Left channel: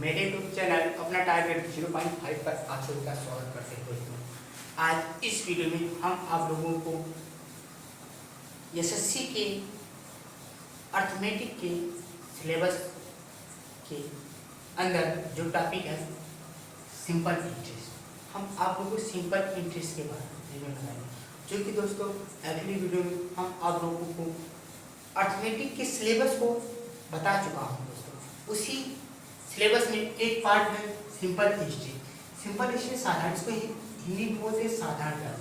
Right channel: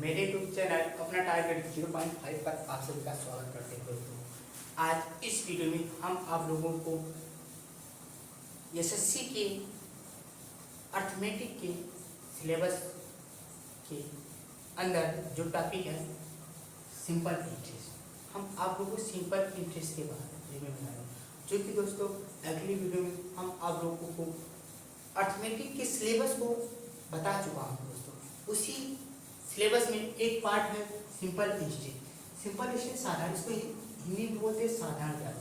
मेरे YouTube channel अपना target 0.5 पर आप सभी का स्वागत करते हैं दोस्तों। आज इस वीडियो में हम आप लोगों को एसएससी के अर्थमेटिक के सिलेबस के अंदर जो टॉपिक है सिंपल इंटरेस्ट, हम आप लोगों को सिंपल इंटरेस्ट के बारे में बताएंगे, जो कि दोस्तों अगली वीडियो में हम आप लोगों को अर्थमेटिक के सिलेबस को बता चुका हूँ दोस्तों। उसी सिलेबस में एक पार्ट है सिंपल हिस्ट्री। सिंपल हिस्ट्री साधारण, इसको हिंदी में बोलते हैं साधारण ब्याज।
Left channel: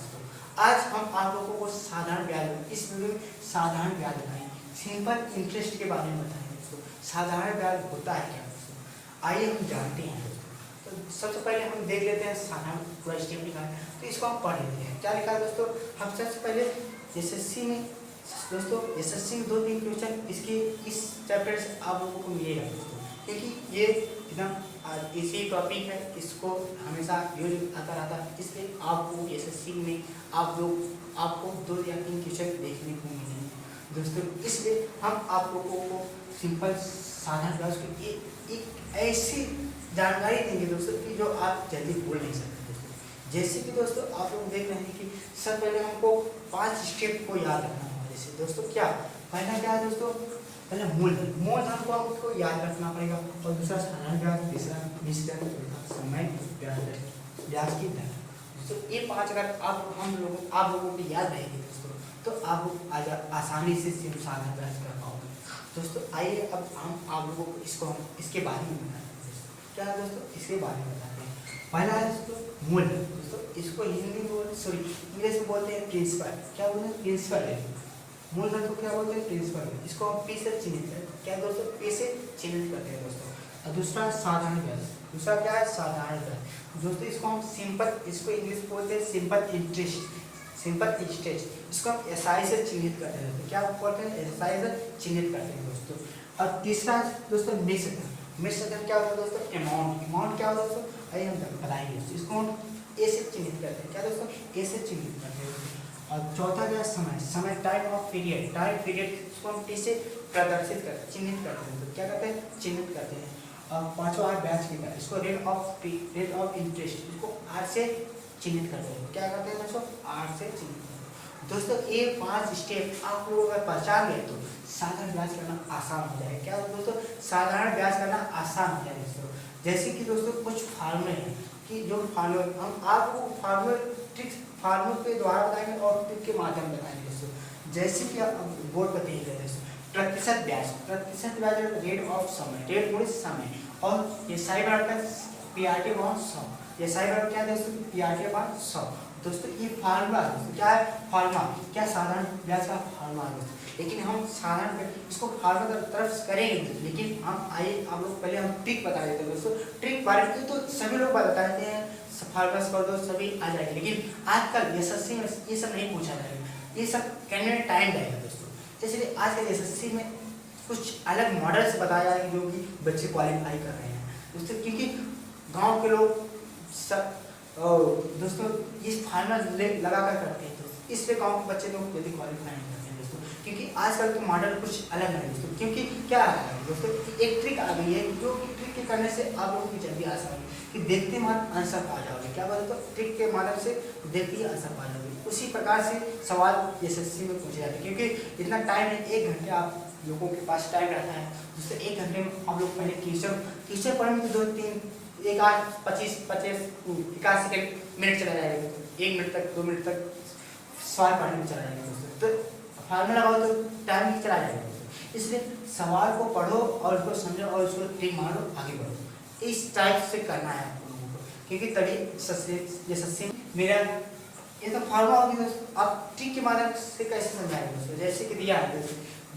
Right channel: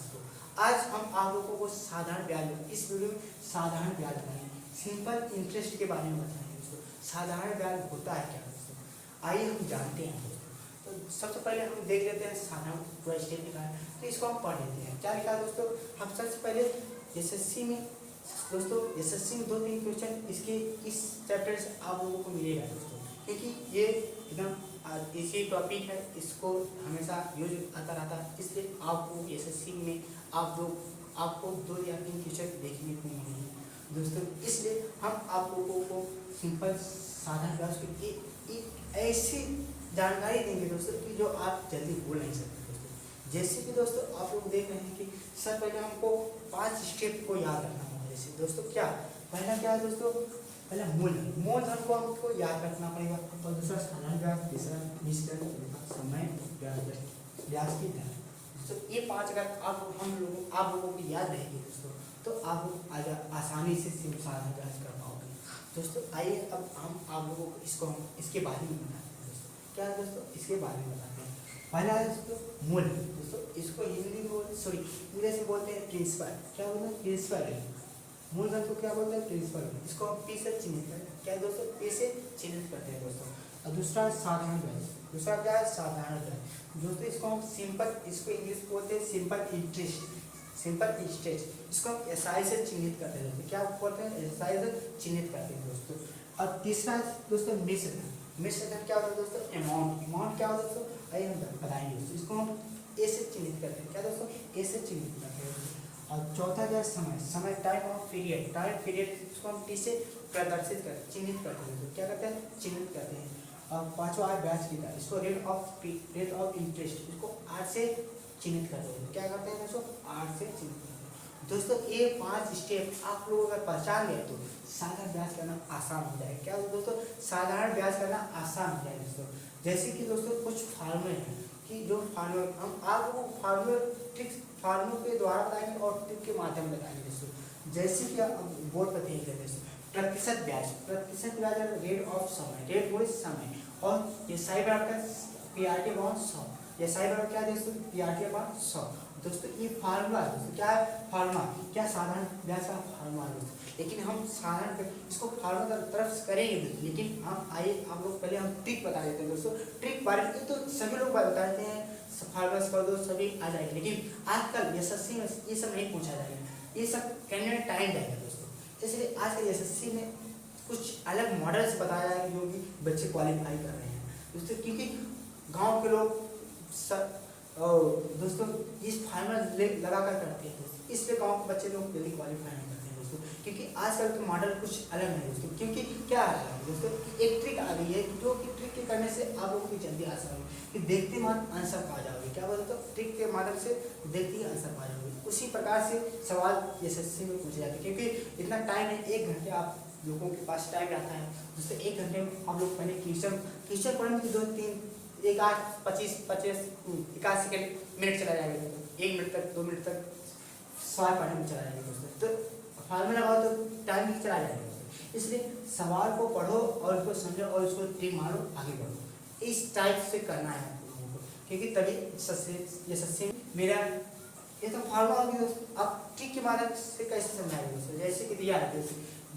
आज हम आप लोगों को साधारण ब्याज इस वीडियो में साधारण ब्याज बताएंगे, सिंपल इंटरेस्ट के बारे में बताएंगे दोस्तों। साधारण ब्याज होता है क्या दोस्तों, आइए हम जानते हैं दोस्तों। तो सबसे पहले हम देख लेते हैं साधारण पूरा स्टेप लिखा है, तो इसको हम पढ़ लेते हैं। क्या लिखा है दोस्तों, हम सबसे पहले एसएससी में दोस्तों एसएससी में 2-3 क्वेश्चन इसके इस चैप्टर से आप लोगों को मिलेगा दोस्तों, क्योंकि ये एकदम इसी टॉपिक है, इसको हमेशा यूज आता रहता है, इसलिए आपको एसएससी में आपको 2 या 3 क्वेश्चन देखने को मिलेंगे दोस्तों। इसलिए हम आप लोगों को सिंपल साधारण ब्याज की एक ऐसी जानकारी देंगे दोस्तों कि जो आप जल्दी भूल नहीं सकते दोस्तों। जैसे कि दोस्तों आप लोग देख रहे हैं कि सबसे पहले हमको 5 स्टेप को याद रखना है। जैसे दोस्तों क्या पहला क्या है दोस्तों, पहले मूलधन को हमको याद रखना पड़ेगा, और दूसरा साधारण ब्याज, तीसरा निश्चित चौथा समय ब्याज की दर दोस्तों। ये 5 अगर आप लोगों को याद रहेगी दोस्तों, तो आप आसानी से साधारण ब्याज कर पाओगे दोस्तों। आइए अब हम आप लोगों को इसके बारे में बताते हैं दोस्तों। क्या है दोस्तों, इसके बारे में बताते हैं। पहला है दोस्तों मूलधन दोस्तों, इसको हिंदी में इंग्लिश में बोलते हैं प्रिंसिपल। क्या बोलते हैं, प्रिंसिपल है। मूलधन को क्या बोलते हैं, प्रिंसिपल। इसको हम पी से चिन्हित करते हैं। क्या दोस्तों, पी से चिन्हित करते हैं दोस्तों। और दूसरा साधारण ब्याज, दूसरा क्या है साधारण ब्याज दोस्तों, इसको हम सिंपल, इसको इंग्लिश बोलते हैं सिंपल इंटरेस्ट, सिंपल इंटरेस्ट। इसको हम एसआई से चिन्हित करते हैं। क्या बोलते हैं, एसआई से चिन्हित करते हैं दोस्तों। और तीसरा दोस्तों मिश्रधन क्या होता है दोस्तों, अमाउंट क्या होता है दोस्तों, आइए हम बताएंगे दोस्तों। इसको हम ए से चिन्हित करते हैं। क्या दोस्तों, ए से चिन्हित करते हैं दोस्तों। और चौथा क्या है समय टाइम ऑफ पीरियड, इसको हम टी से प्रदर्शित करते चिन्हित करते हैं। क्या करते हैं, चिन्हित करते हैं। और पांचवा है ब्याज की दर, इसको रेट ऑफ इंटरेस्ट, इसको आर से चिन्हित करते हैं। क्या करते हैं दोस्तों, आर से चिन्हित करते हैं दोस्तों। ये 5 स्टेप आप लोगों का पहचान गए तो साधारण ब्याज करना आसान हो जाएगा। क्या दोस्तों, साधारण ब्याज करना आसान हो जाएगा दोस्तों। जैसे कि दोस्तों कुछ फार्मूले हैं कि जो फार्मूले हम आपको फार्मूले के द्वारा बताएंगे और ट्रिक के माध्यम में बताएंगे दोस्तों। जैसे कि आप बोर्ड पर कहीं कहते हैं प्रतिशत ब्याज रेट ऑफ समय, रेट मोड़ समय, और ये साइड आता है पीआरटी अपॉन 100, ये साइड आउट क्या दोस्तों, पीआरटी अपॉन 100 दोस्तों। ये फार्मूला क्या है, फार्मूला क्या साधारण ब्याज का फार्मूला है दोस्तों। लेकिन हम साधारण इसको फार्मूला की तरफ करेंगे, लेकिन हम आइए आप लोग पहले हम ट्रिक बता देते हैं दोस्तों। ट्रिक बारे में तो सभी लोग बताते हैं, फार्मूला कर दो सभी आ जाएगी, लेकिन आजकल एसएससी में ये सब नहीं पूछा जाएगा, ये सब करने में टाइम लगेगा दोस्तों। इसलिए आजकल एसएससी में कुछ अलग मॉडल से बताया जाएगा जो कि बच्चे क्वालिफाई कर रहे हैं दोस्तों, क्योंकि गांव के लोग सब दोस्तों इस फार्मूला लगा कर करते हैं दोस्तों, इसलिए गांव के बच्चे लोग जल्दी क्वालिफाई नहीं करते हैं दोस्तों, क्योंकि आजकल के मॉडल कुछ अलग है दोस्तों। क्योंकि क्या है दोस्तों, एक ट्रिक आ गई है जो कि ट्रिक के करने से आप लोगों की जल्दी आसान कि देखते मात्र आंसर पा जाओगे। क्या बात है, तो ट्रिक के मॉडल से देखते ही आंसर पा जाओगे। उसी प्रकार से सवाल एसएससी में पूछे जाते हैं, क्योंकि इतना टाइम है, 1 घंटे आप लोगों के पास टाइम रहता है, जिससे 1 घंटे में आप लोग पहले क्वेश्चन पढ़ने में 2-3 1 8 25 सेकंड मिनट चला जाएगा, 1 मिनट तक 2 मिनट तक सवाल पढ़ने में चला जाएगा दोस्तों। तो फार्मूला लगाओ तो टाइम ही चला जाएगा दोस्तों। इसलिए सवाल को पढ़ो और उसको समझो और उसको ट्रिक मारो, आगे बढ़ो। इस टाइप से करना है आप लोगों को, क्योंकि तभी एसएससी मेरा ये तो फार्मूला होगी दोस्तों। आप ट्रिक के माध्यम से कैसे समझाएंगे दोस्तों। जैसे कि दिया है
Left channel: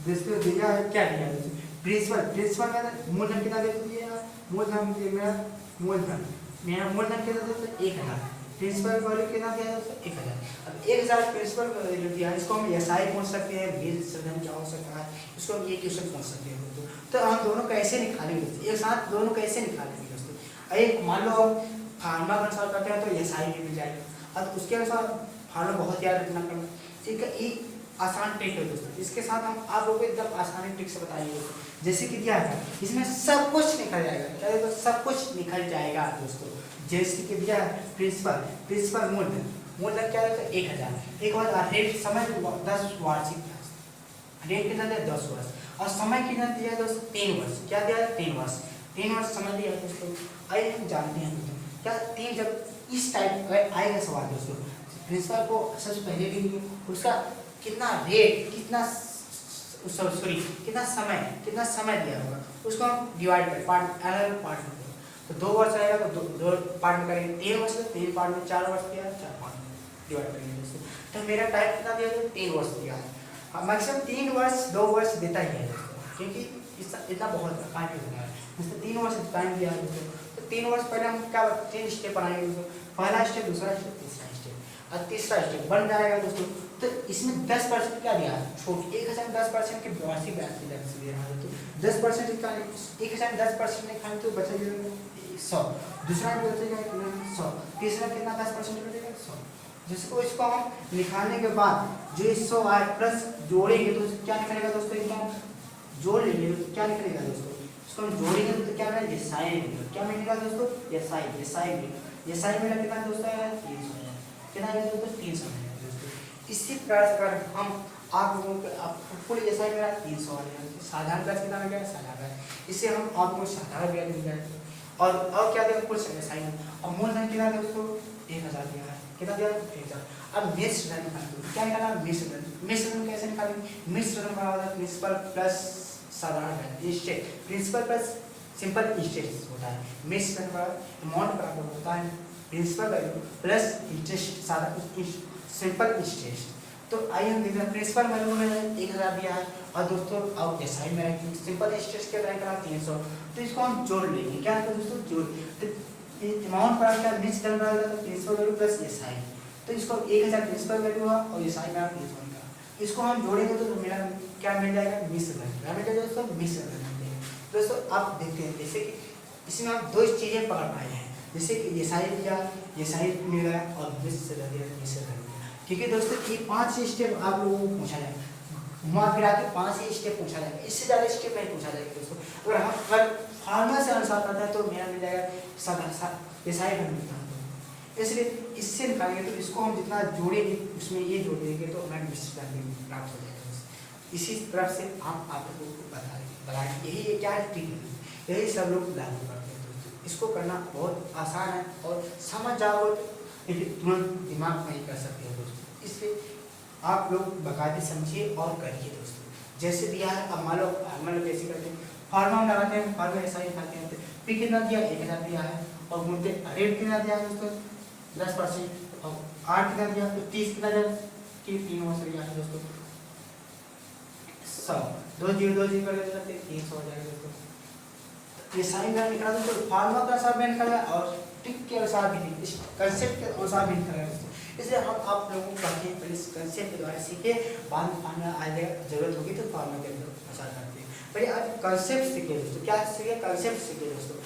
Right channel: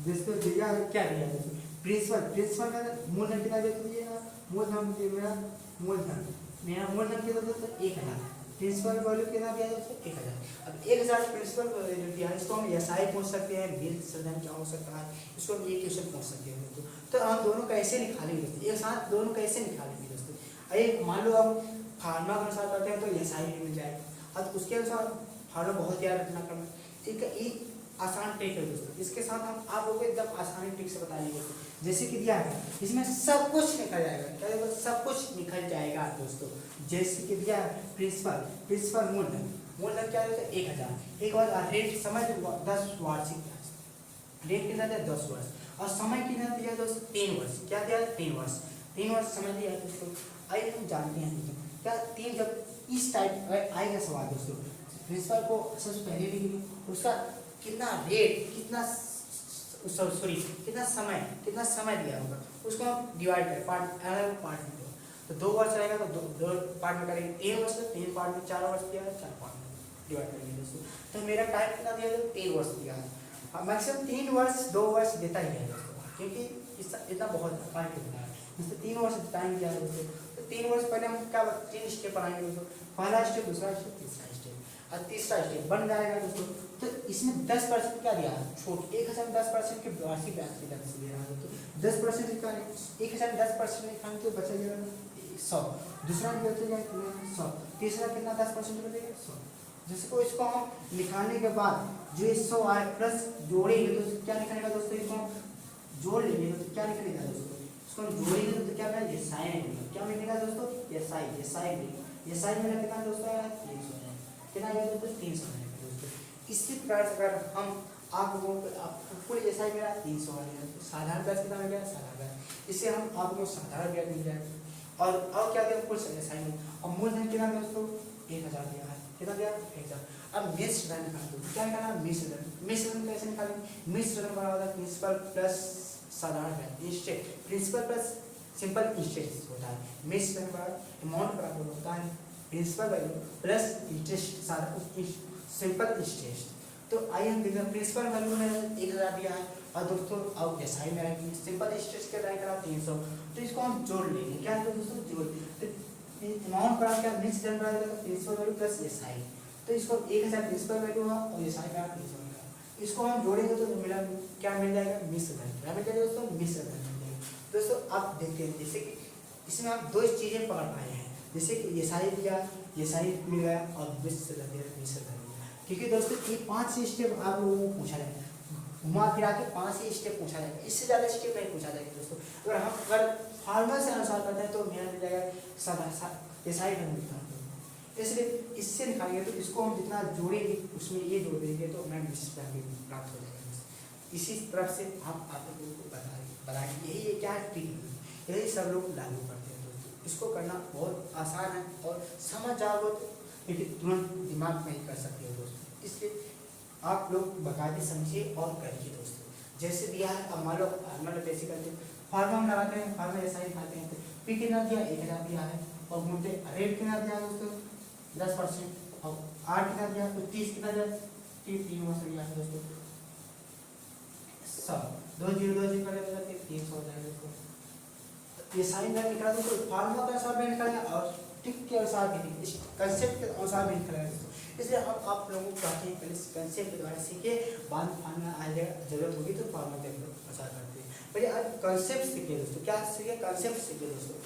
दोस्तों, दिया है क्या दिया है दोस्तों, प्रिंसिपल का मूलधन कितना दे दीजिए, मूलधन मेरा मूलधन कितना दोस्तों 1000, प्रिंसिपल वैल्यू कितना दिया दोस्तों 1000। अब 1000 प्रिंसिपल का वैल्यू दिया है, इसको हम एसआई पूछ सकते हैं, मिश्रधन क्या हो सकता है, इसको हम ये क्वेश्चन पूछ सकते हैं दोस्तों। तो हम दोनों कैसे निकालेंगे दोस्तों, एक साथ दोनों कैसे निकालेंगे दोस्तों। एक मान लो हम फार्मूला के अनुसार करते हैं तो एसआई भी मिल जाएगा, और उसके अनुसार फार्मूला बहुत याद रखना पड़ेगा। ठीक है, ये आसान ट्रिक है दोस्तों। इसके साथ हम आप लोगों को एकदम आसानी ट्रिक से बताइए जैसे कि दिया था इसमें सब कुछ निकल जाएगा, क्या देखो सब कुछ निकल जाएगा दोस्तों। जैसे कि दिया है प्रिंसिपल मूलधन क्या होता है 1000, एक बार रेट समय 10 वार्षिक रेट कितना दिया 10 वर्ष, और समय कितना दिया दोस्तों 3 वर्ष, क्या दिया 3 वर्ष समय दिया दोस्तों। आइए हम जानते हैं दोस्तों क्या 3 जब इस टाइप आएगा सवाल दोस्तों, प्रिंसिपल को सबसे पहले भी उसका कितना रेट कितना सॉरी कितना समय दिया होगा, उसको हम डिवाइड करें पार्ट अलग पार्ट में, तो 2 वर्ष रहेगा तो दो पार्ट में करेंगे, 3 वर्ष तो 3 पार्ट में, 4 वर्ष दिया 4 पार्ट में डिवाइड करेंगे दोस्तों। तो मेरा टाइम कितना दिया है 3 वर्ष दिया है, मैक्सिमम 3 वर्ष 2 वर्ष देता ही है दोस्तों, क्योंकि इतना बहुत काफी होता है, जैसे 3 वर्ष टाइम दिया है दोस्तों। तो 3 वर्ष पहले हम क्या 3 स्टेप बनाएंगे दोस्तों, पहला स्टेप, दूसरा स्टेप, तीसरा स्टेप, और तीसरा स्टेप बन जाएगा दोस्तों। तो इसमें 10% क्या दिया है छूट, 1000 10% के वार्षिक ब्याज की दर से दे रहा है तो 10% का 1000 10% निकालें तो बचेगा 100, दूसरा बचेगा 100, तीसरा कितना 10% बचेगा 100। जिसको इसको हम निकालने के बाद जो 100 आए प्लस जोड़ेंगे तो क्या निकलेगा दोस्तों, इसको हम जोड़ लेंगे तो क्या निकलेगा दोस्तों, इसको हम जोड़ेंगे तो क्या मिलेगा एसआई मिलेगा, क्या मिलेगा दोस्तों एसआई मिला कितना दोस्तों 300, कितना है दोस्तों 300 है दोस्तों। इसी प्रकार से अगर हम आप लोगों को फुल एसआई मेरा 300 आ गया, साधारण ब्याज कितना मिल गया साधारण, इससे हम आपको साधारण ब्याज मिल जाए। और क्या देगा कुल एसआई, और मूलधन कितना दोस्तों 1000 दिया है, कितना दिया 1000। अब मिश्रण क्या निकालना, मिश्रण कैसे निकालेंगे, मिश्रण बराबर प्रिंसिपल प्लस साधारण ब्याज interest, principal plus simple interest होता है, मिश्रण बराबर अमाउंट बराबर होता है प्रिंसिपल वैल्यू प्लस इंटरेस्ट साधारण सिंपल इंटरेस्ट। तो आइए हम देखते हैं प्रिंसिपल वैल्यू में 1000 दिया है, और दोस्तों अब एसआई में सिंपल इंटरेस्ट के तरह करा 300, तो इसको हम जोड़ लेंगे, क्या है दोस्तों जोड़, तो अमाउंट पर क्या मिश्रण बराबर प्रिंसिपल वैल्यू प्लस एसआई, तो इसको 1000 प्रिंसिपल वैल्यू हुआ और एसआई में 300 का, इसको हम जोड़ेंगे तो मेरा क्या मिल जाएगा मिश्रण, क्या दोस्तों मिश्रण। दोस्तों आप देखते हैं जैसे कि इसमें हम 2 चीजें पकड़ पाए हैं, जैसे कि एसआई दिया, एसआई मिल गया और मिश्रण दिया, क्योंकि दोस्तों ये 5 स्टेप आप लोगों को पूछा जाएगा, घुमा फिरा के 5 ही स्टेप पूछा जाएगा, इससे ज़्यादा स्टेप नहीं पूछा जाएगा दोस्तों। अगर हम अगर फार्मूला से अनुसार करते हैं तो मेरा मिल जाएगा एसआई का मिलता है, इसलिए इससे निकालेंगे तो इसको हम जितना जोड़ेंगे उसमें ये जोड़ देंगे तो हमें मिश्रण प्राप्त हो जाएगा। इसी तरह से हम आप लोगों को बताएंगे, यही क्या ट्रिक है, यही सब लोग लागू करते हैं दोस्तों। इसको करना बहुत आसान है और समझ जाओगे लेकिन तुरंत दिमाग नहीं कर सकते हो दोस्तों, इसलिए आप लोग बाकायदे समझिए और करिए दोस्तों। जैसे दिया है अब मान लो फार्मूला कैसे करते हैं, फार्मूला लगाते हैं, फार्मूला ऐसा ही निकालते हैं, पी कितना दिया 1000 दिया है, और बोलते रेट कितना दिया है दोस्तों 10%, और आर कितना दिया तो 30 कितना दिया 3 वर्ष दिया है दोस्तों 100, 2 0 2 0 कर देते 300 हो जाएगा दोस्तों। ये साइन का निकाला तो फार्मूला का हिसाब में निकाला और ट्रिक के अनुसार भी, इस कंसेप्ट के अनुसार भी निकाला है, इसलिए हम आप लोगों को बाकी पहले कंसेप्ट के द्वारा सीखे, बाद में फार्मूला आ जाएगा, जरूरत होगी तो फार्मूला के अनुसार करते हैं। पहले अब कंसेप्ट सीखे दोस्तों, क्या सीखे कंसेप्ट सीखे दोस्तों,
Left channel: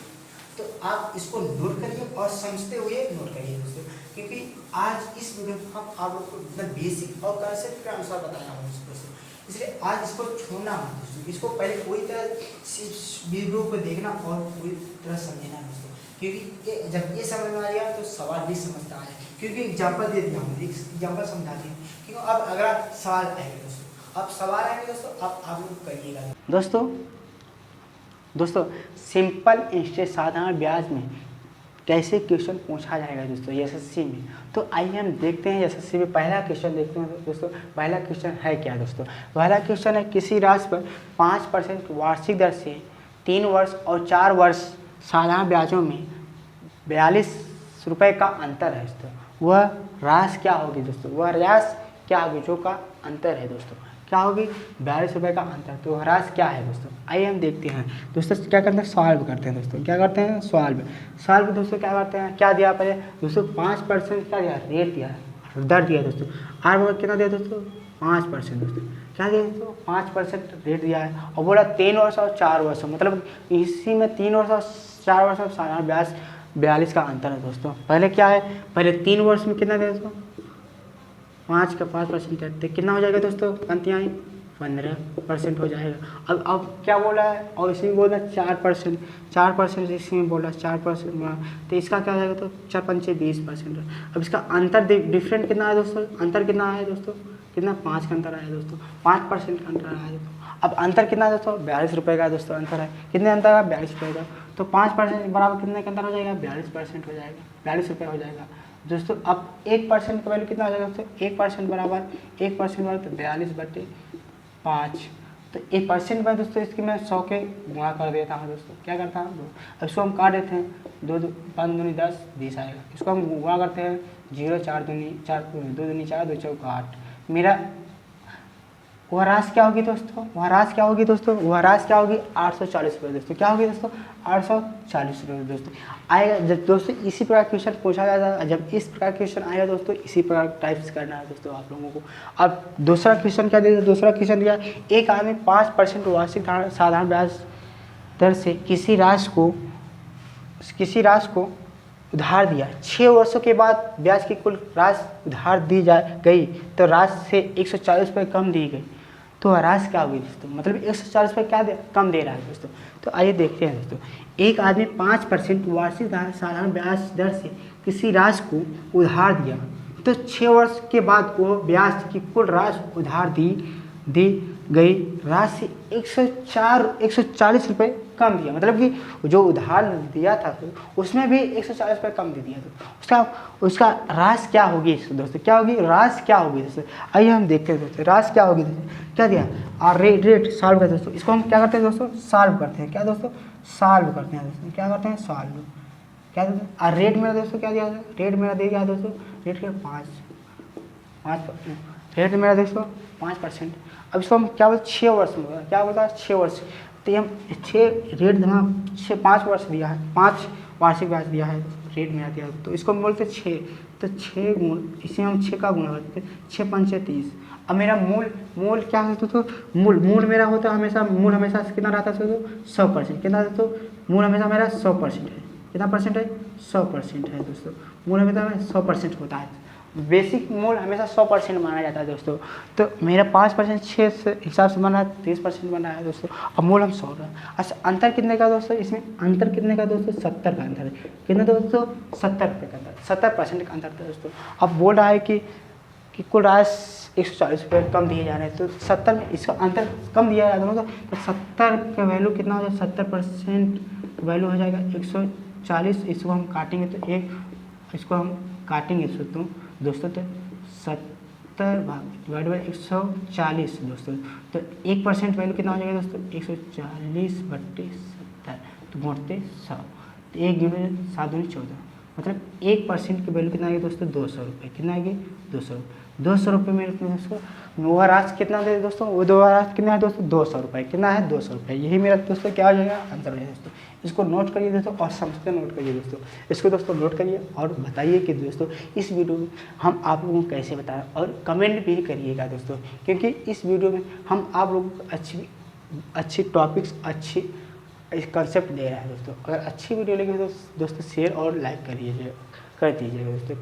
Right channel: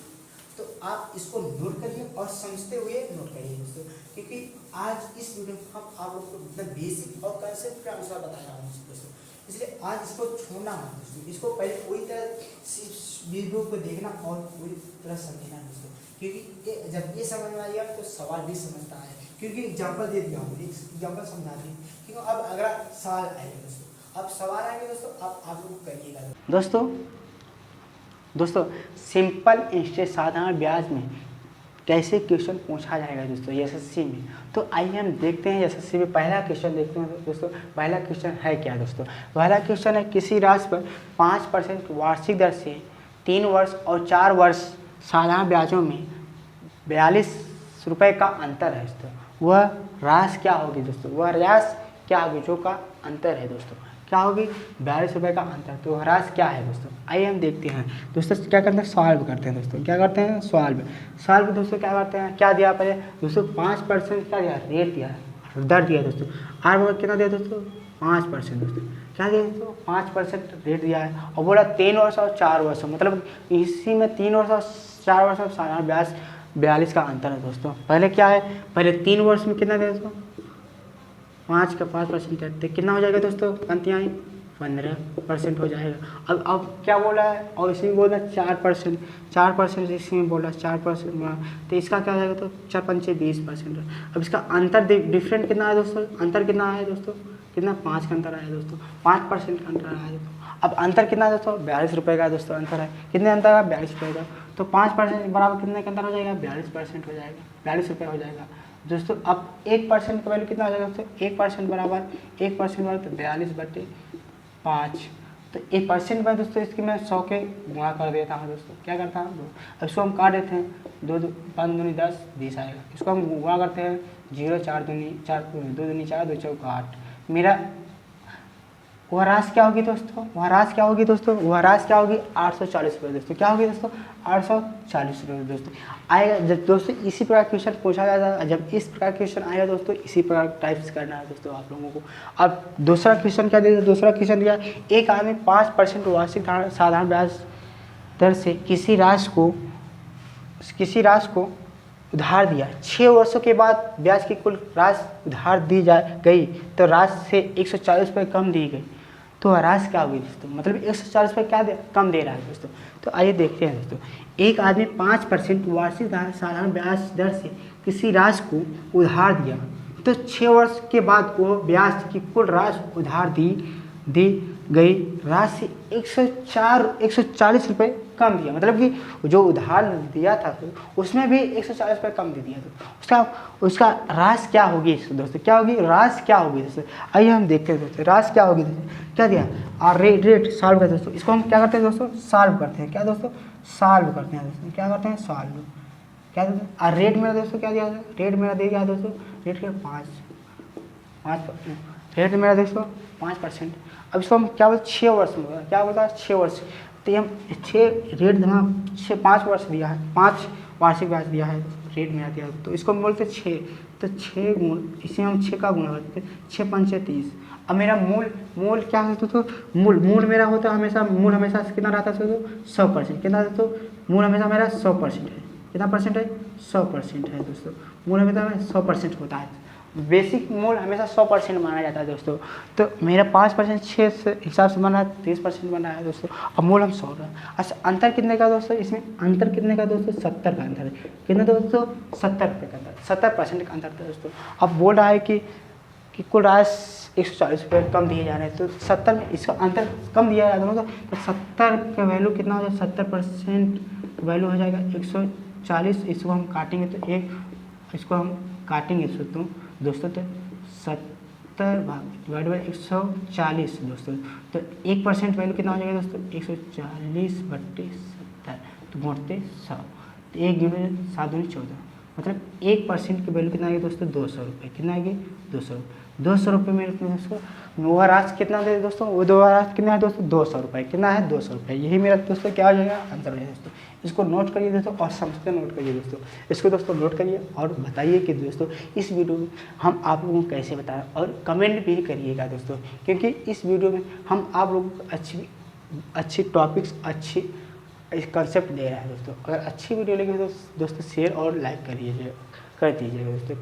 तो आप इसको नोट करिए और समझते हुए नोट करिए दोस्तों, क्योंकि आज इस वीडियो में हम आप लोग को इतना बेसिक और कंसेप्ट के अनुसार बताना होगा दोस्तों, इसलिए आज इसको छोड़ना मत दोस्तों, इसको पहले पूरी तरह वीडियो को देखना और पूरी तरह समझना दोस्तों, क्योंकि जब ये समझ में आ गया तो सवाल भी समझता है, क्योंकि एग्जाम्पल दे दिया हूँ, एग्जाम्पल समझाते हैं, क्योंकि अब अगर सवाल आएंगे दोस्तों, अब सवाल आएंगे दोस्तों आप लोग करिएगा दोस्तों सिंपल इंटरेस्ट साधारण ब्याज में कैसे क्वेश्चन पूछा जाएगा दोस्तों एसएससी में। तो आइए हम देखते हैं एसएससी में पहला क्वेश्चन देखते हैं दोस्तों। पहला क्वेश्चन है क्या दोस्तों, पहला क्वेश्चन है किसी राशि पर 5% वार्षिक दर से 3 वर्ष और 4 वर्ष साधारण ब्याजों में 42 रुपये का अंतर है दोस्तों, वह राशि क्या होगी दोस्तों, वह राशि क्या होगी जो का अंतर है दोस्तों, क्या होगी 42 रुपये का अंतर, तो राशि क्या है दोस्तों। आइए हम देखते हैं दोस्तों, क्या करते हैं सॉल्व करते हैं दोस्तों, क्या करते हैं सॉल्व दोस्तों, क्या करते हैं, क्या दिया पहले दोस्तों 5% क्या दिया रेट दिया दर दिया दोस्तों, आर में कितना दिया दोस्तों 5% दोस्तों, क्या दिया दोस्तों 5% रेट दिया है, और बोला 3 वर्ष और 4 वर्ष, मतलब इसी में 3 वर्ष और 4 वर्ष में साधारण ब्याज 42 का अंतर है दोस्तों। पहले क्या है, पहले 3 वर्ष में कितना दिया दोस्तों 5 का 5% है, तो कितना हो जाएगा दोस्तों पंक्तियाँ 15% हो जाएगा। अब क्या बोला है, और इसमें बोला 4% इसमें बोला 4% बोला, तो इसका क्या हो जाएगा, तो 4 पंचे 20%। अब इसका अंतर डिफरेंट कितना है दोस्तों, अंतर कितना है दोस्तों, कितना 5 का अंतर आया दोस्तों, 5% का अंतर आया दोस्तों। अब अंतर कितना है दोस्तों, 42 रुपये का दोस्तों अंतर है। कितने अंतर है, 42 रुपये का। तो 5% बराबर कितने का अंतर हो जाएगा, 42% हो जाएगा, 42 रुपये हो जाएगा दोस्तों। अब 1% का वैल्यू कितना हो जाएगा दोस्तों, 1% बराबर तो 42/5। तो 1% में दोस्तों इसकी मैं 100 के गुणा कर देता हूँ दोस्तों, क्या करता हूँ, अब इसको हम काट देते हैं, 2 5 दूनी 10 20 आएगा। इसको हम गुणा करते हैं, 0 4 दूनी 4 2 दूनी 4 2 चौका 8। मेरा वह राशि क्या होगी दोस्तों, वह राशि क्या होगी दोस्तों, वह राशि क्या होगी 840 रुपये दोस्तों। क्या होगी दोस्तों, 840 रुपये दोस्तों आएगा। जब दोस्तों इसी प्रकार क्वेश्चन पूछा जाता है, जब इस प्रकार क्वेश्चन आएगा दोस्तों, इसी प्रकार टाइप्स करना है दोस्तों आप लोगों को। अब दूसरा क्वेश्चन क्या दिया, दूसरा क्वेश्चन दिया, एक आदमी 5% वार्षिक साधारण ब्याज दर से किसी राशि को उधार दिया। 6 वर्षों के बाद ब्याज की कुल राशि उधार दी गई तो राशि से 140 रुपये कम दी गई, तो राशि क्या होगी दोस्तों, मतलब 140 रुपये क्या कम दे रहा है दोस्तों। तो आइए देखते हैं दोस्तों, एक आदमी 5% वार्षिक साधारण ब्याज दर से किसी राशि को उधार दिया, तो 6 वर्ष के बाद वो ब्याज की कुल राशि उधार दी गई राशि 140 रुपये कम दिया, मतलब कि जो उधार दिया था तो उसमें भी 140 रुपये कम दे दिया। तो उसका राशि क्या होगी दोस्तों, क्या होगी, राशि क्या होगी दोस्तों। आइए हम देखते हैं दोस्तों, राशि क्या होगी दोस्तों, क्या दिया, और रेट सॉल्व करते हैं दोस्तों। इसको हम क्या करते हैं दोस्तों, सॉल्व करते हैं, क्या दोस्तों, सॉल्व करते हैं दोस्तों, क्या करते हैं, सॉल्व, क्या दोस्तों। और रेट मेरा दोस्तों क्या दिया, रेट मेरा दे दिया दोस्तों, रेट क्या 5, रेट मेरा दोस्तों 5%। अब इसको हम क्या बोलते, 6 वर्ष में, क्या बोलता है 6 वर्ष, तो हम 6 रेट देना 5 वर्ष दिया है, 5 वार्षिक ब्याज दिया है, रेट मेरा दिया, तो इसको हम बोलते 6, तो 6 गुण, इसे हम 6 का गुणा करते हैं, 6 पंचे 30। अब मेरा मूल क्या होता, तो मूल मेरा होता है हमेशा, मूल हमेशा कितना रहता है दोस्तों, 100%, कितना दोस्तों, मूल हमेशा मेरा 100% है, कितना परसेंट है, 100% है दोस्तों, मूल हमेशा 100% होता है। बेसिक मूल हमेशा 100% माना जाता है दोस्तों। तो मेरा 5% 6 से हिसाब से बना है, 30% बना है दोस्तों। अब मूल हम 100 रहा। अच्छा अंतर कितने का दोस्तों, इसमें अंतर कितने का दोस्तों, 70 का अंतर है, कितना दोस्तों, 70 रुपये का अंतर, 70% का अंतर था दोस्तों। अब बोल रहा है कि कुल राशि 140 रुपये कम दिए जा रहे हैं, तो 70 में इसका अंतर कम दिया जा रहा है, तो 70 का वैल्यू कितना हो जाएगा, 70% वैल्यू हो जाएगा 140। इसको हम काटेंगे तो इसको हम काटेंगे दोस्तों, तो 70 डिवाइड बाई 140 दोस्तों, तो 1% वैल्यू कितना हो जाएगा दोस्तों, 140/70, तो मोड़ते 100, तो 1 × 7 × 14, मतलब 1% की वैल्यू कितना आएगी दोस्तों, 200 रुपये, कितना आएगी 200 रुपये में दोस्तों। वो राशि कितना दे दोस्तों, वो दो राशि कितना है दोस्तों, 200 रुपये, कितना है 200 रुपये। यही मेरा दोस्तों क्या हो जाएगा, अंतर हो जाएगा दोस्तों। इसको नोट करिए दोस्तों, और समझते नोट करिए दोस्तों, इसको दोस्तों नोट करिए और बताइए कि दोस्तों इस वीडियो में हम आप लोगों को कैसे बताएं, और कमेंट भी करिएगा दोस्तों, क्योंकि इस वीडियो में हम आप लोगों को अच्छी टॉपिक्स, अच्छी कंसेप्ट दे रहे हैं दोस्तों। अगर अच्छी वीडियो लगी तो दोस्तों शेयर और लाइक कर दीजिएगा दोस्तों।